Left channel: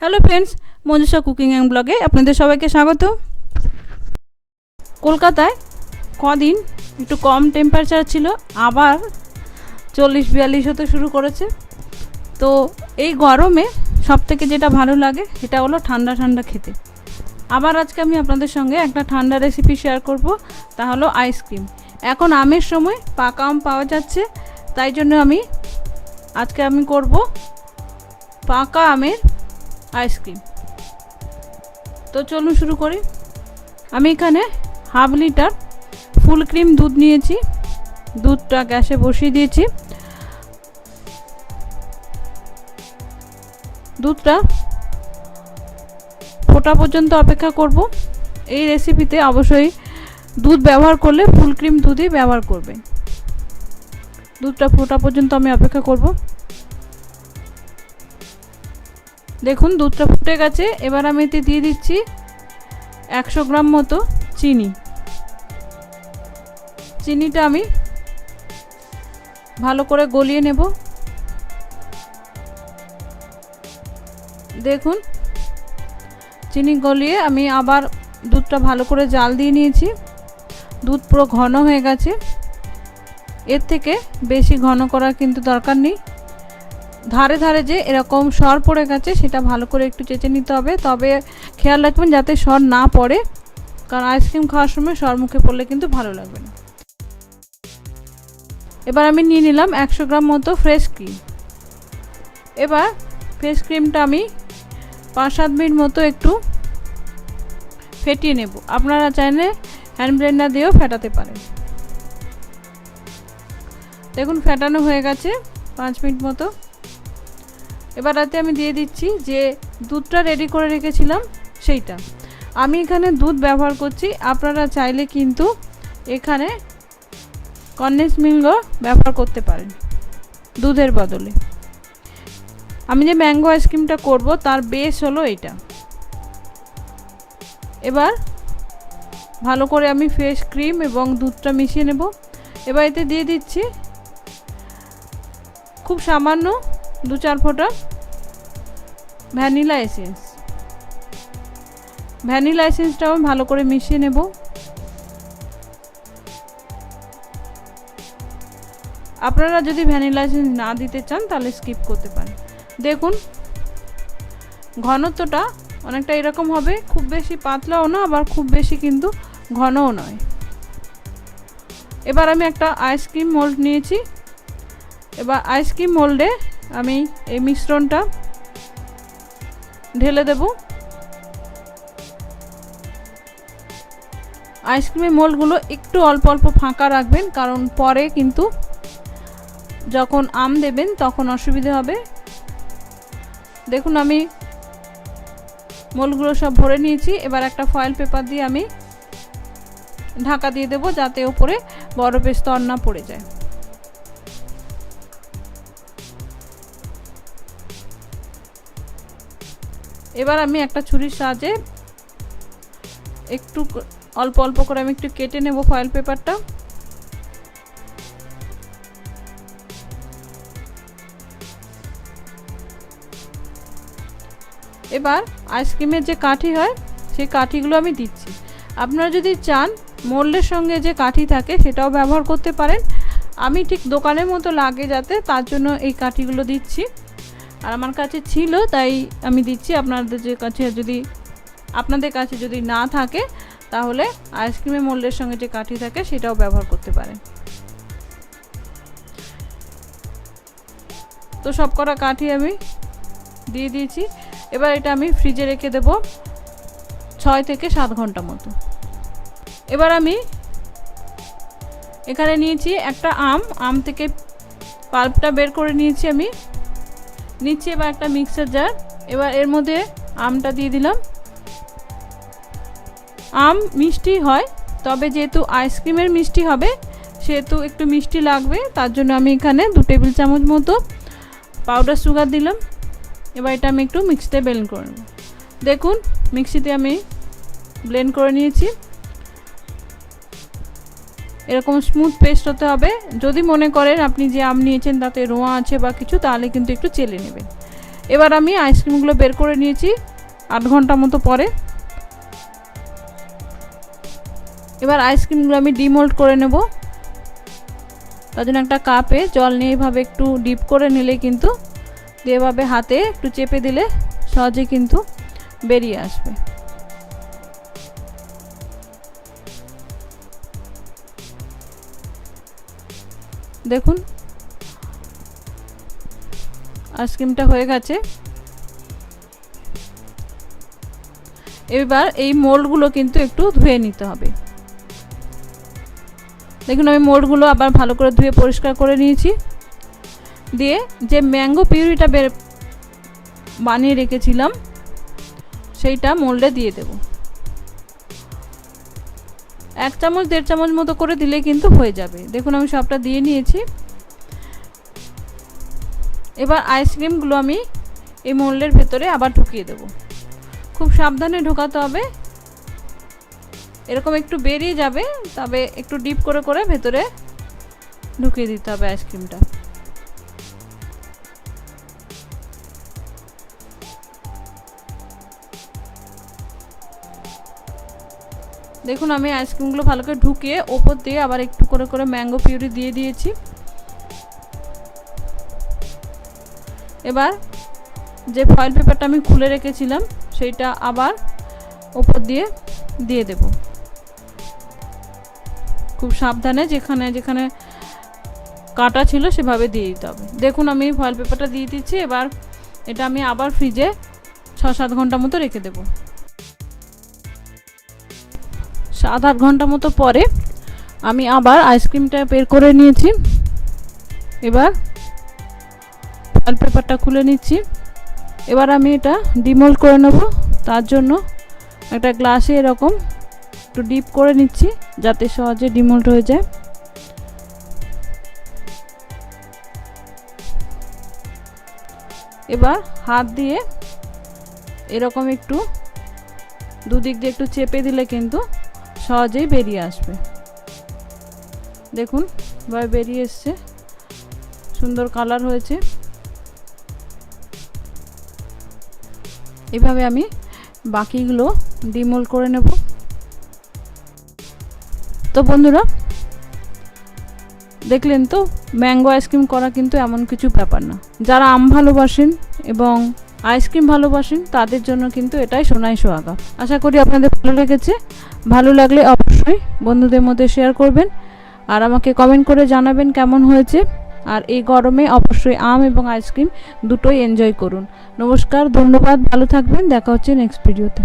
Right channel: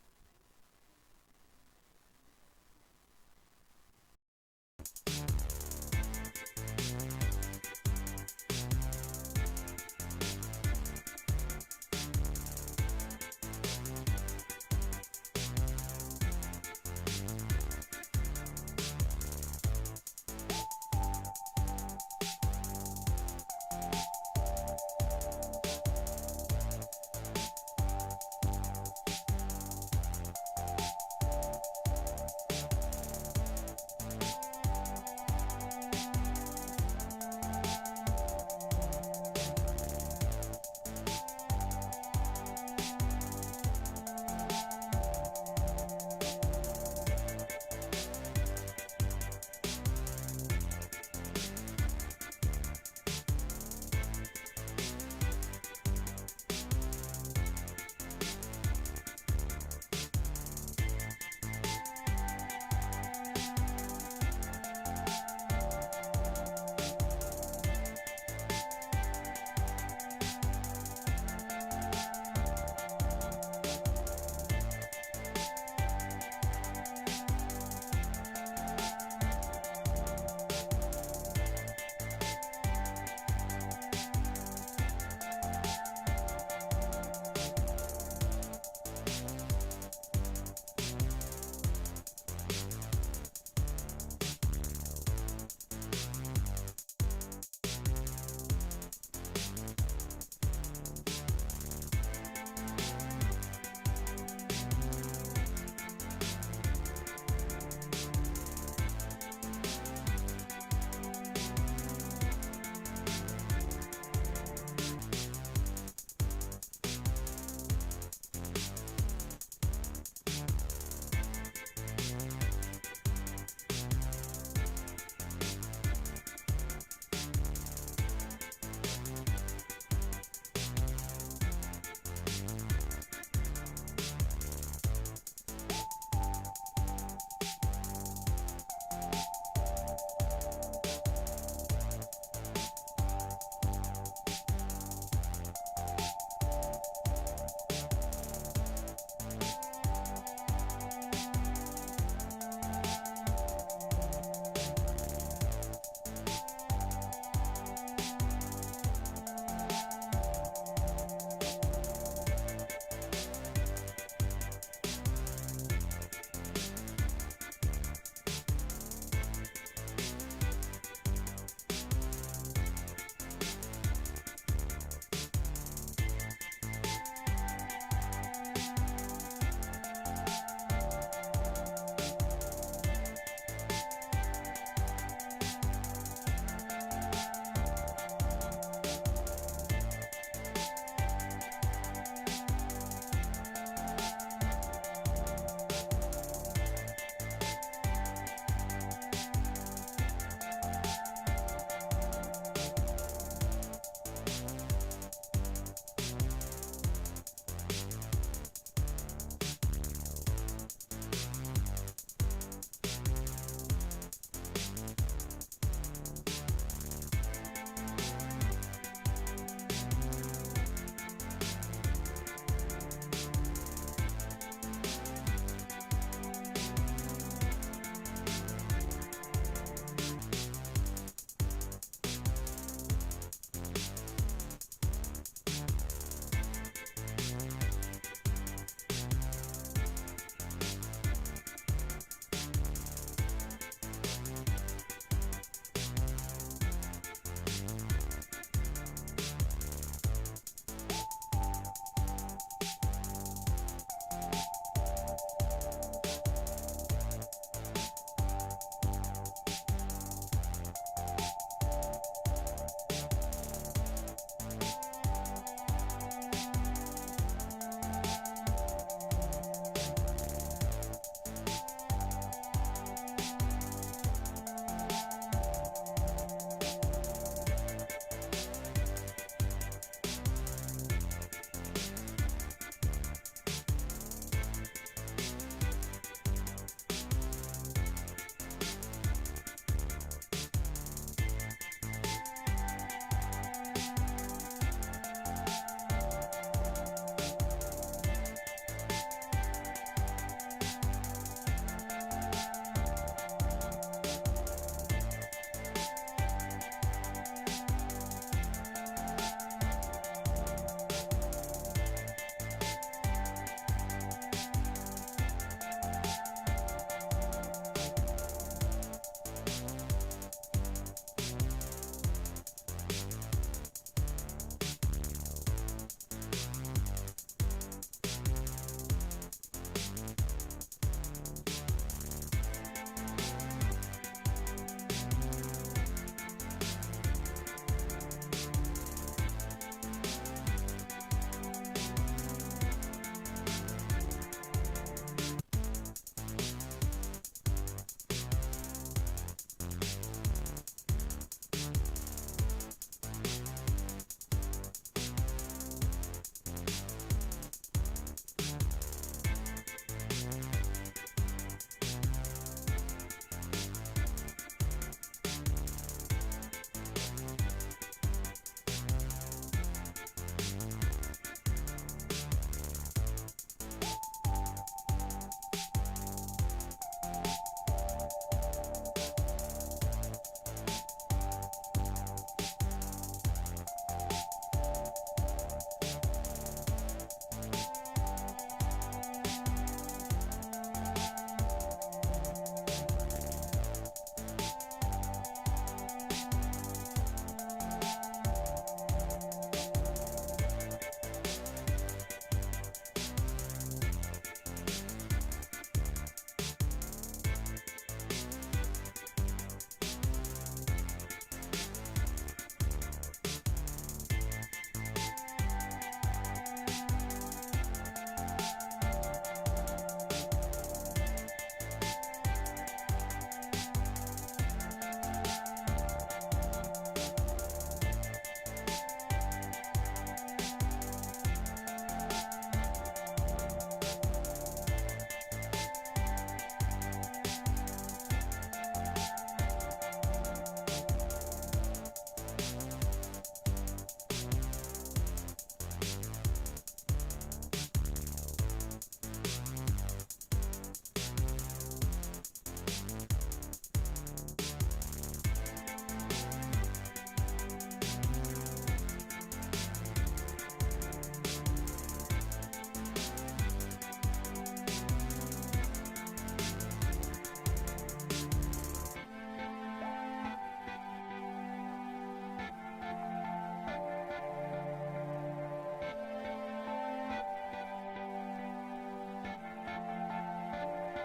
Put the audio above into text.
Hello friends Manjusha cooking and ব্লগে আপনাদের সবাইকে স্বাগত। কলকাতায় কদিন একটু কম টেম্পারেচার ছিল, আবার চল্লিশ বিয়াল্লিশ হতে শুরু করেছে। তো এই গরমে সব থেকে যেটা ভালো লাগে, সেটা হলো ঠান্ডা ঠান্ডা খেতে। আবার আজকে আমি আপনাদের সঙ্গে একটা ঠান্ডা রেসিপি শেয়ার করব, তা হলো আইসক্রিম এখন আমের সময় পাকা আম পাওয়া যাচ্ছে, তাই জন্য আমি আজকে আমি করব পাকা আমের আইসক্রিম তো চলুন শুরু করি। আমি এখানে হাফ লিটার ফুল ক্রিম দুধ নিয়েছি। দুধটা গ্যাসে বসিয়ে দিয়েছি। দুধটা ফোটা পর্যন্ত অপেক্ষা করব। এই রেসিপিতে অবশ্যই দুধ ব্যবহার করলে ফুল ক্রিম দুধই ব্যবহার করবে দুধটা ফোটা পর্যন্ত আমি অপেক্ষা করব। দেখুন, দুধটা ফুটে গেছে। এবার আমি এতে দিয়ে দিচ্ছি একশো গ্রাম মতো চিনি। চিনিটা আমি ভালো করে গলিয়ে নেব। দেখুন, চিনি গলিয়ে আমি আবার দুধটা ভালো করে জাল দিয়ে নিয়েছি। দুধ পুরো ঘন হয়ে গেছে। এর থেকে বেশি ঘন করার কিন্তু দরকার নেই। ধারে ধারে যে এরকম সর পড়ে গেছে, সেটা ভালো করে একটু চেঁচে নিতে হবে। তবে খেয়াল রাখবেন যাতে সর না পড়ে, কারণ আইসক্রিম খাওয়ার সময় সর মুখে পড়লে কিন্তু ভালো লাগবে না। এবার আমি নিয়ে নিলাম একশো গ্রাম মতো ফ্রেশ ক্রিম এবার ফ্রেশ ক্রিমটা আমি পাঁচ সাত মিনিট মতো একটু ফেটিয়ে নেব। আপনারা চাইলে হ্যান্ড ব্লেন্ডার দিয়েও ফেটাতে পারেন। দেখুন, ফেটানো হয়ে গেছে পাঁচ মিনিট মতো। এবার রাতে আমি দিয়ে দিচ্ছি যে দুধটা রেডি করে রেখেছিলাম, সেইটা। আমি এখানে দুধ ব্যবহার করছি, আপনারা চাইলে কিন্তু এখানে কন্ডেন্স মিল্কও ব্যবহার করতে পারেন, দুধের বদলে। আমি যে ম্যাঙ্গো আইসক্রিমটা করব, তার বেস হলো এটা এবার ভালো করে আমি ফ্রেশ ক্রিম এবং দুধটা মিশিয়ে নেব। এবার এতে দিয়ে দিচ্ছি খুব সামান্য দু চার ফোঁটা ভ্যানিলা এসেন্স। ভ্যানিলা এসেন্সটাও ভালো করে মিশিয়ে নেব। আপনারা যদি ভ্যানিলা এসেন্স না দিতে চান, তাহলে স্কিপ করতে পারেন। দেখুন, ঘনত্বটা অনেকটা এরকম হবে, খুব বেশি পাতলাও না, আবার খুব বেশি কিন্তু ঘনও নয়। এবার আমি একটা আইসক্রিম মোল্ড নিয়েছি। এবার আইসক্রিম মোল্ডে আমি এই মিশ্রণটা ঢেলে দেব। আইসক্রিমের মোল্ডগুলো একটু অল্প অল্প ফাঁকা রাখবেন, কারণ পরে কিন্তু যখন আম দেবেন তখন অসুবিধে হবে। দেখুন, আমি মোলগুলো সব ভরে নিয়েছি। এবার একটা ফয়েল পেপার দিয়ে আমি ঢাকা দিয়ে দেবো, যাতে ওপরে বরফের স্তর না পড়ে যায়। এবার আমি একটা ছুরির সাহায্যে একটু অল্প অল্প করে আমি একটু কেটে নেব ফয়েল পেপারটা এবার আইসক্রিমের যে কাঠি হয়, সেই কাঠিগুলো আমি দিচ্ছি। আপনারা যদি চান, মোল্ডের সঙ্গে যে কাঠি থাকে, সেটাও ব্যবহার করতে পারেন। আমি ঠিক দোকানের মতো লাগে যাতে, তার জন্য এই কাঠিগুলো দিচ্ছি। আর আমার কাছে ছিল, তাই আমি দিচ্ছি। আপনাদের যে কাছে যদি, আপনাদের কাছে যদি না থাকে, তাহলে আইসক্রিমের মোল্ডের সঙ্গে যে কাঠি থাকে, সেটাও ব্যবহার করতে পারেন। তো সব কটা কাঠি আমি দিয়ে দিয়েছি। এবার এটা আমি ফ্রিজে রেখে দেব ছয় থেকে সাত ঘণ্টা মতো। এবার আমি এখানে নিয়েছি একটা আম। আম থেকে পাল্পটা বের করে নিয়েছি আমি। নিচ্ছি এবার একটা মিক্সার জার এবার এর মধ্যে আমটা দিয়ে দিলাম। আম মিষ্টি হয়, তবে যেহেতু আইসক্রিমের মিষ্টি হবে, সেহেতু একটু মিষ্টি লাগবে, তার জন্য আমি এখানে দু টেবিল চামচ মতো পাউডার সুগার দিলাম। এবার এটা আমি একটু মিক্সিতে ব্লেন্ড করে দেখুন মিক্সিতে আমি ব্লেন্ড করে নিয়েছি। এরকম স্মুথ পেস্ট হতে হবে। যদি মনে করেন আপনি যে আম নিয়েছেন তাতে রোঁয়া আছে বা কিছু, তাহলে কিন্তু একটু চেলে নেবেন। এবার আমি আইসক্রিমগুলো বের করে নিয়েছি আট ঘণ্টা মতো পরে। এবার আইসক্রিমগুলো আমি ডিমোল্ড করে নেব। তার জন্য একটা কাপে জল নিয়ে এভাবে একটু ডিপ করে নিলে কিন্তু এভাবে হাতে একটু চেপে দিলে সহজে কিন্তু বেরিয়ে আসবে। দেখুন। আইসক্রিমটা হয়ে গেছে। এবার এই মোল্ডগুলো কিন্তু একটু ধুয়ে নিতে হবে। দেখুন, আমি মোল্ডগুলো আবার ভালো করে ধুয়ে পরিষ্কার করে নিয়েছি। দিয়ে যে ম্যাঙ্গো পিউরিটা বের বানিয়ে রেখেছিলাম, সেইটা মোল্ডে দিয়ে দেব। এক চামচ, দেড় চামচ মতো করে দিলে কিন্তু হয়ে যাবে। দেখুন, আমি সবটা দিয়ে নিয়েছি। এবার আইসক্রিমগুলো আমি এই মোল্ডের ভেতরে আবার ঢুকিয়ে দেব। খুব সাবধানে ঢোকাতে হবে। এরকম একটু বেরিয়ে যাবে, তবে একটু ডিপ করে করে ভেতরে ঢুকিয়ে দিতে হবে আইসক্রিমটা দেখুন, আমি আইসক্রিমগুলো ভালো করে ঢুকিয়ে ওপর দিয়ে আবার একটু করে করে ম্যাঙ্গো পিউরি দিয়ে দিয়েছি। এবার যে ফয়েল পেপারটা আমি খুলে রেখেছিলাম, সেইটা আবার ওপর দিয়ে দিয়ে দেব। খুব সাবধানে যেখানে যেখানে কাটা ছিল সেভাবে দিয়ে দিতে হবে। দেখুন, আমি ফয়েল পেপারটা দিয়ে দিচ্ছি, এবার এটা আমি আবার ফ্রিজে ছ সাত ঘণ্টা মতো রেখে দেব। সাত আট ঘণ্টা মতো পরে আমি আবার আইসক্রিমটা বের করে নিয়েছি। এবার ফয়েল পেপারটা খুলে নিচ্ছি। এবার আমি এটা ডিমোল্ড করে নেব। তার জন্য একটা গ্লাসে এরকম একটু ডিপ করে নিচ্ছি যাতে সহজে ডিমোল্ড হয়ে যায়। এবার হাত দিয়ে এরকম একটু দুদিক দিয়ে একটু চেপে দিলে কিন্তু সহজেই বেরিয়ে আসবে। দেখুন, এবার বেরিয়ে এসছে। সুন্দর কালার হয়েছে। এভাবে আমি বাকিগুলো ডিমোল করে নেব। তো বন্ধুরা, দেখলেন তো, ম্যাঙ্গো আইসক্রিম করা কিন্তু এমন কিছু ব্যাপার না। যারা আম ভালোবাসেন এবং আইসক্রিম ভালোবাসেন, তাদের জন্য কিন্তু এটাই সোনাই সোহাগা। আশা করি আপনাদের ভালো লেগেছে। ভালো লাগলে অবশ্যই বন্ধুদের মধ্যে শেয়ার করবেন আর আমাকে কমেন্ট করে জানাবেন কেমন হয়েছে। আর এই গরমে অবশ্যই আম এবং আইসক্রিম দুটোই এনজয় করুন। নমস্কার, ধন্যবাদ, ভালো থাকবেন। দেখা হচ্ছে নেক্সট ভিডিওতে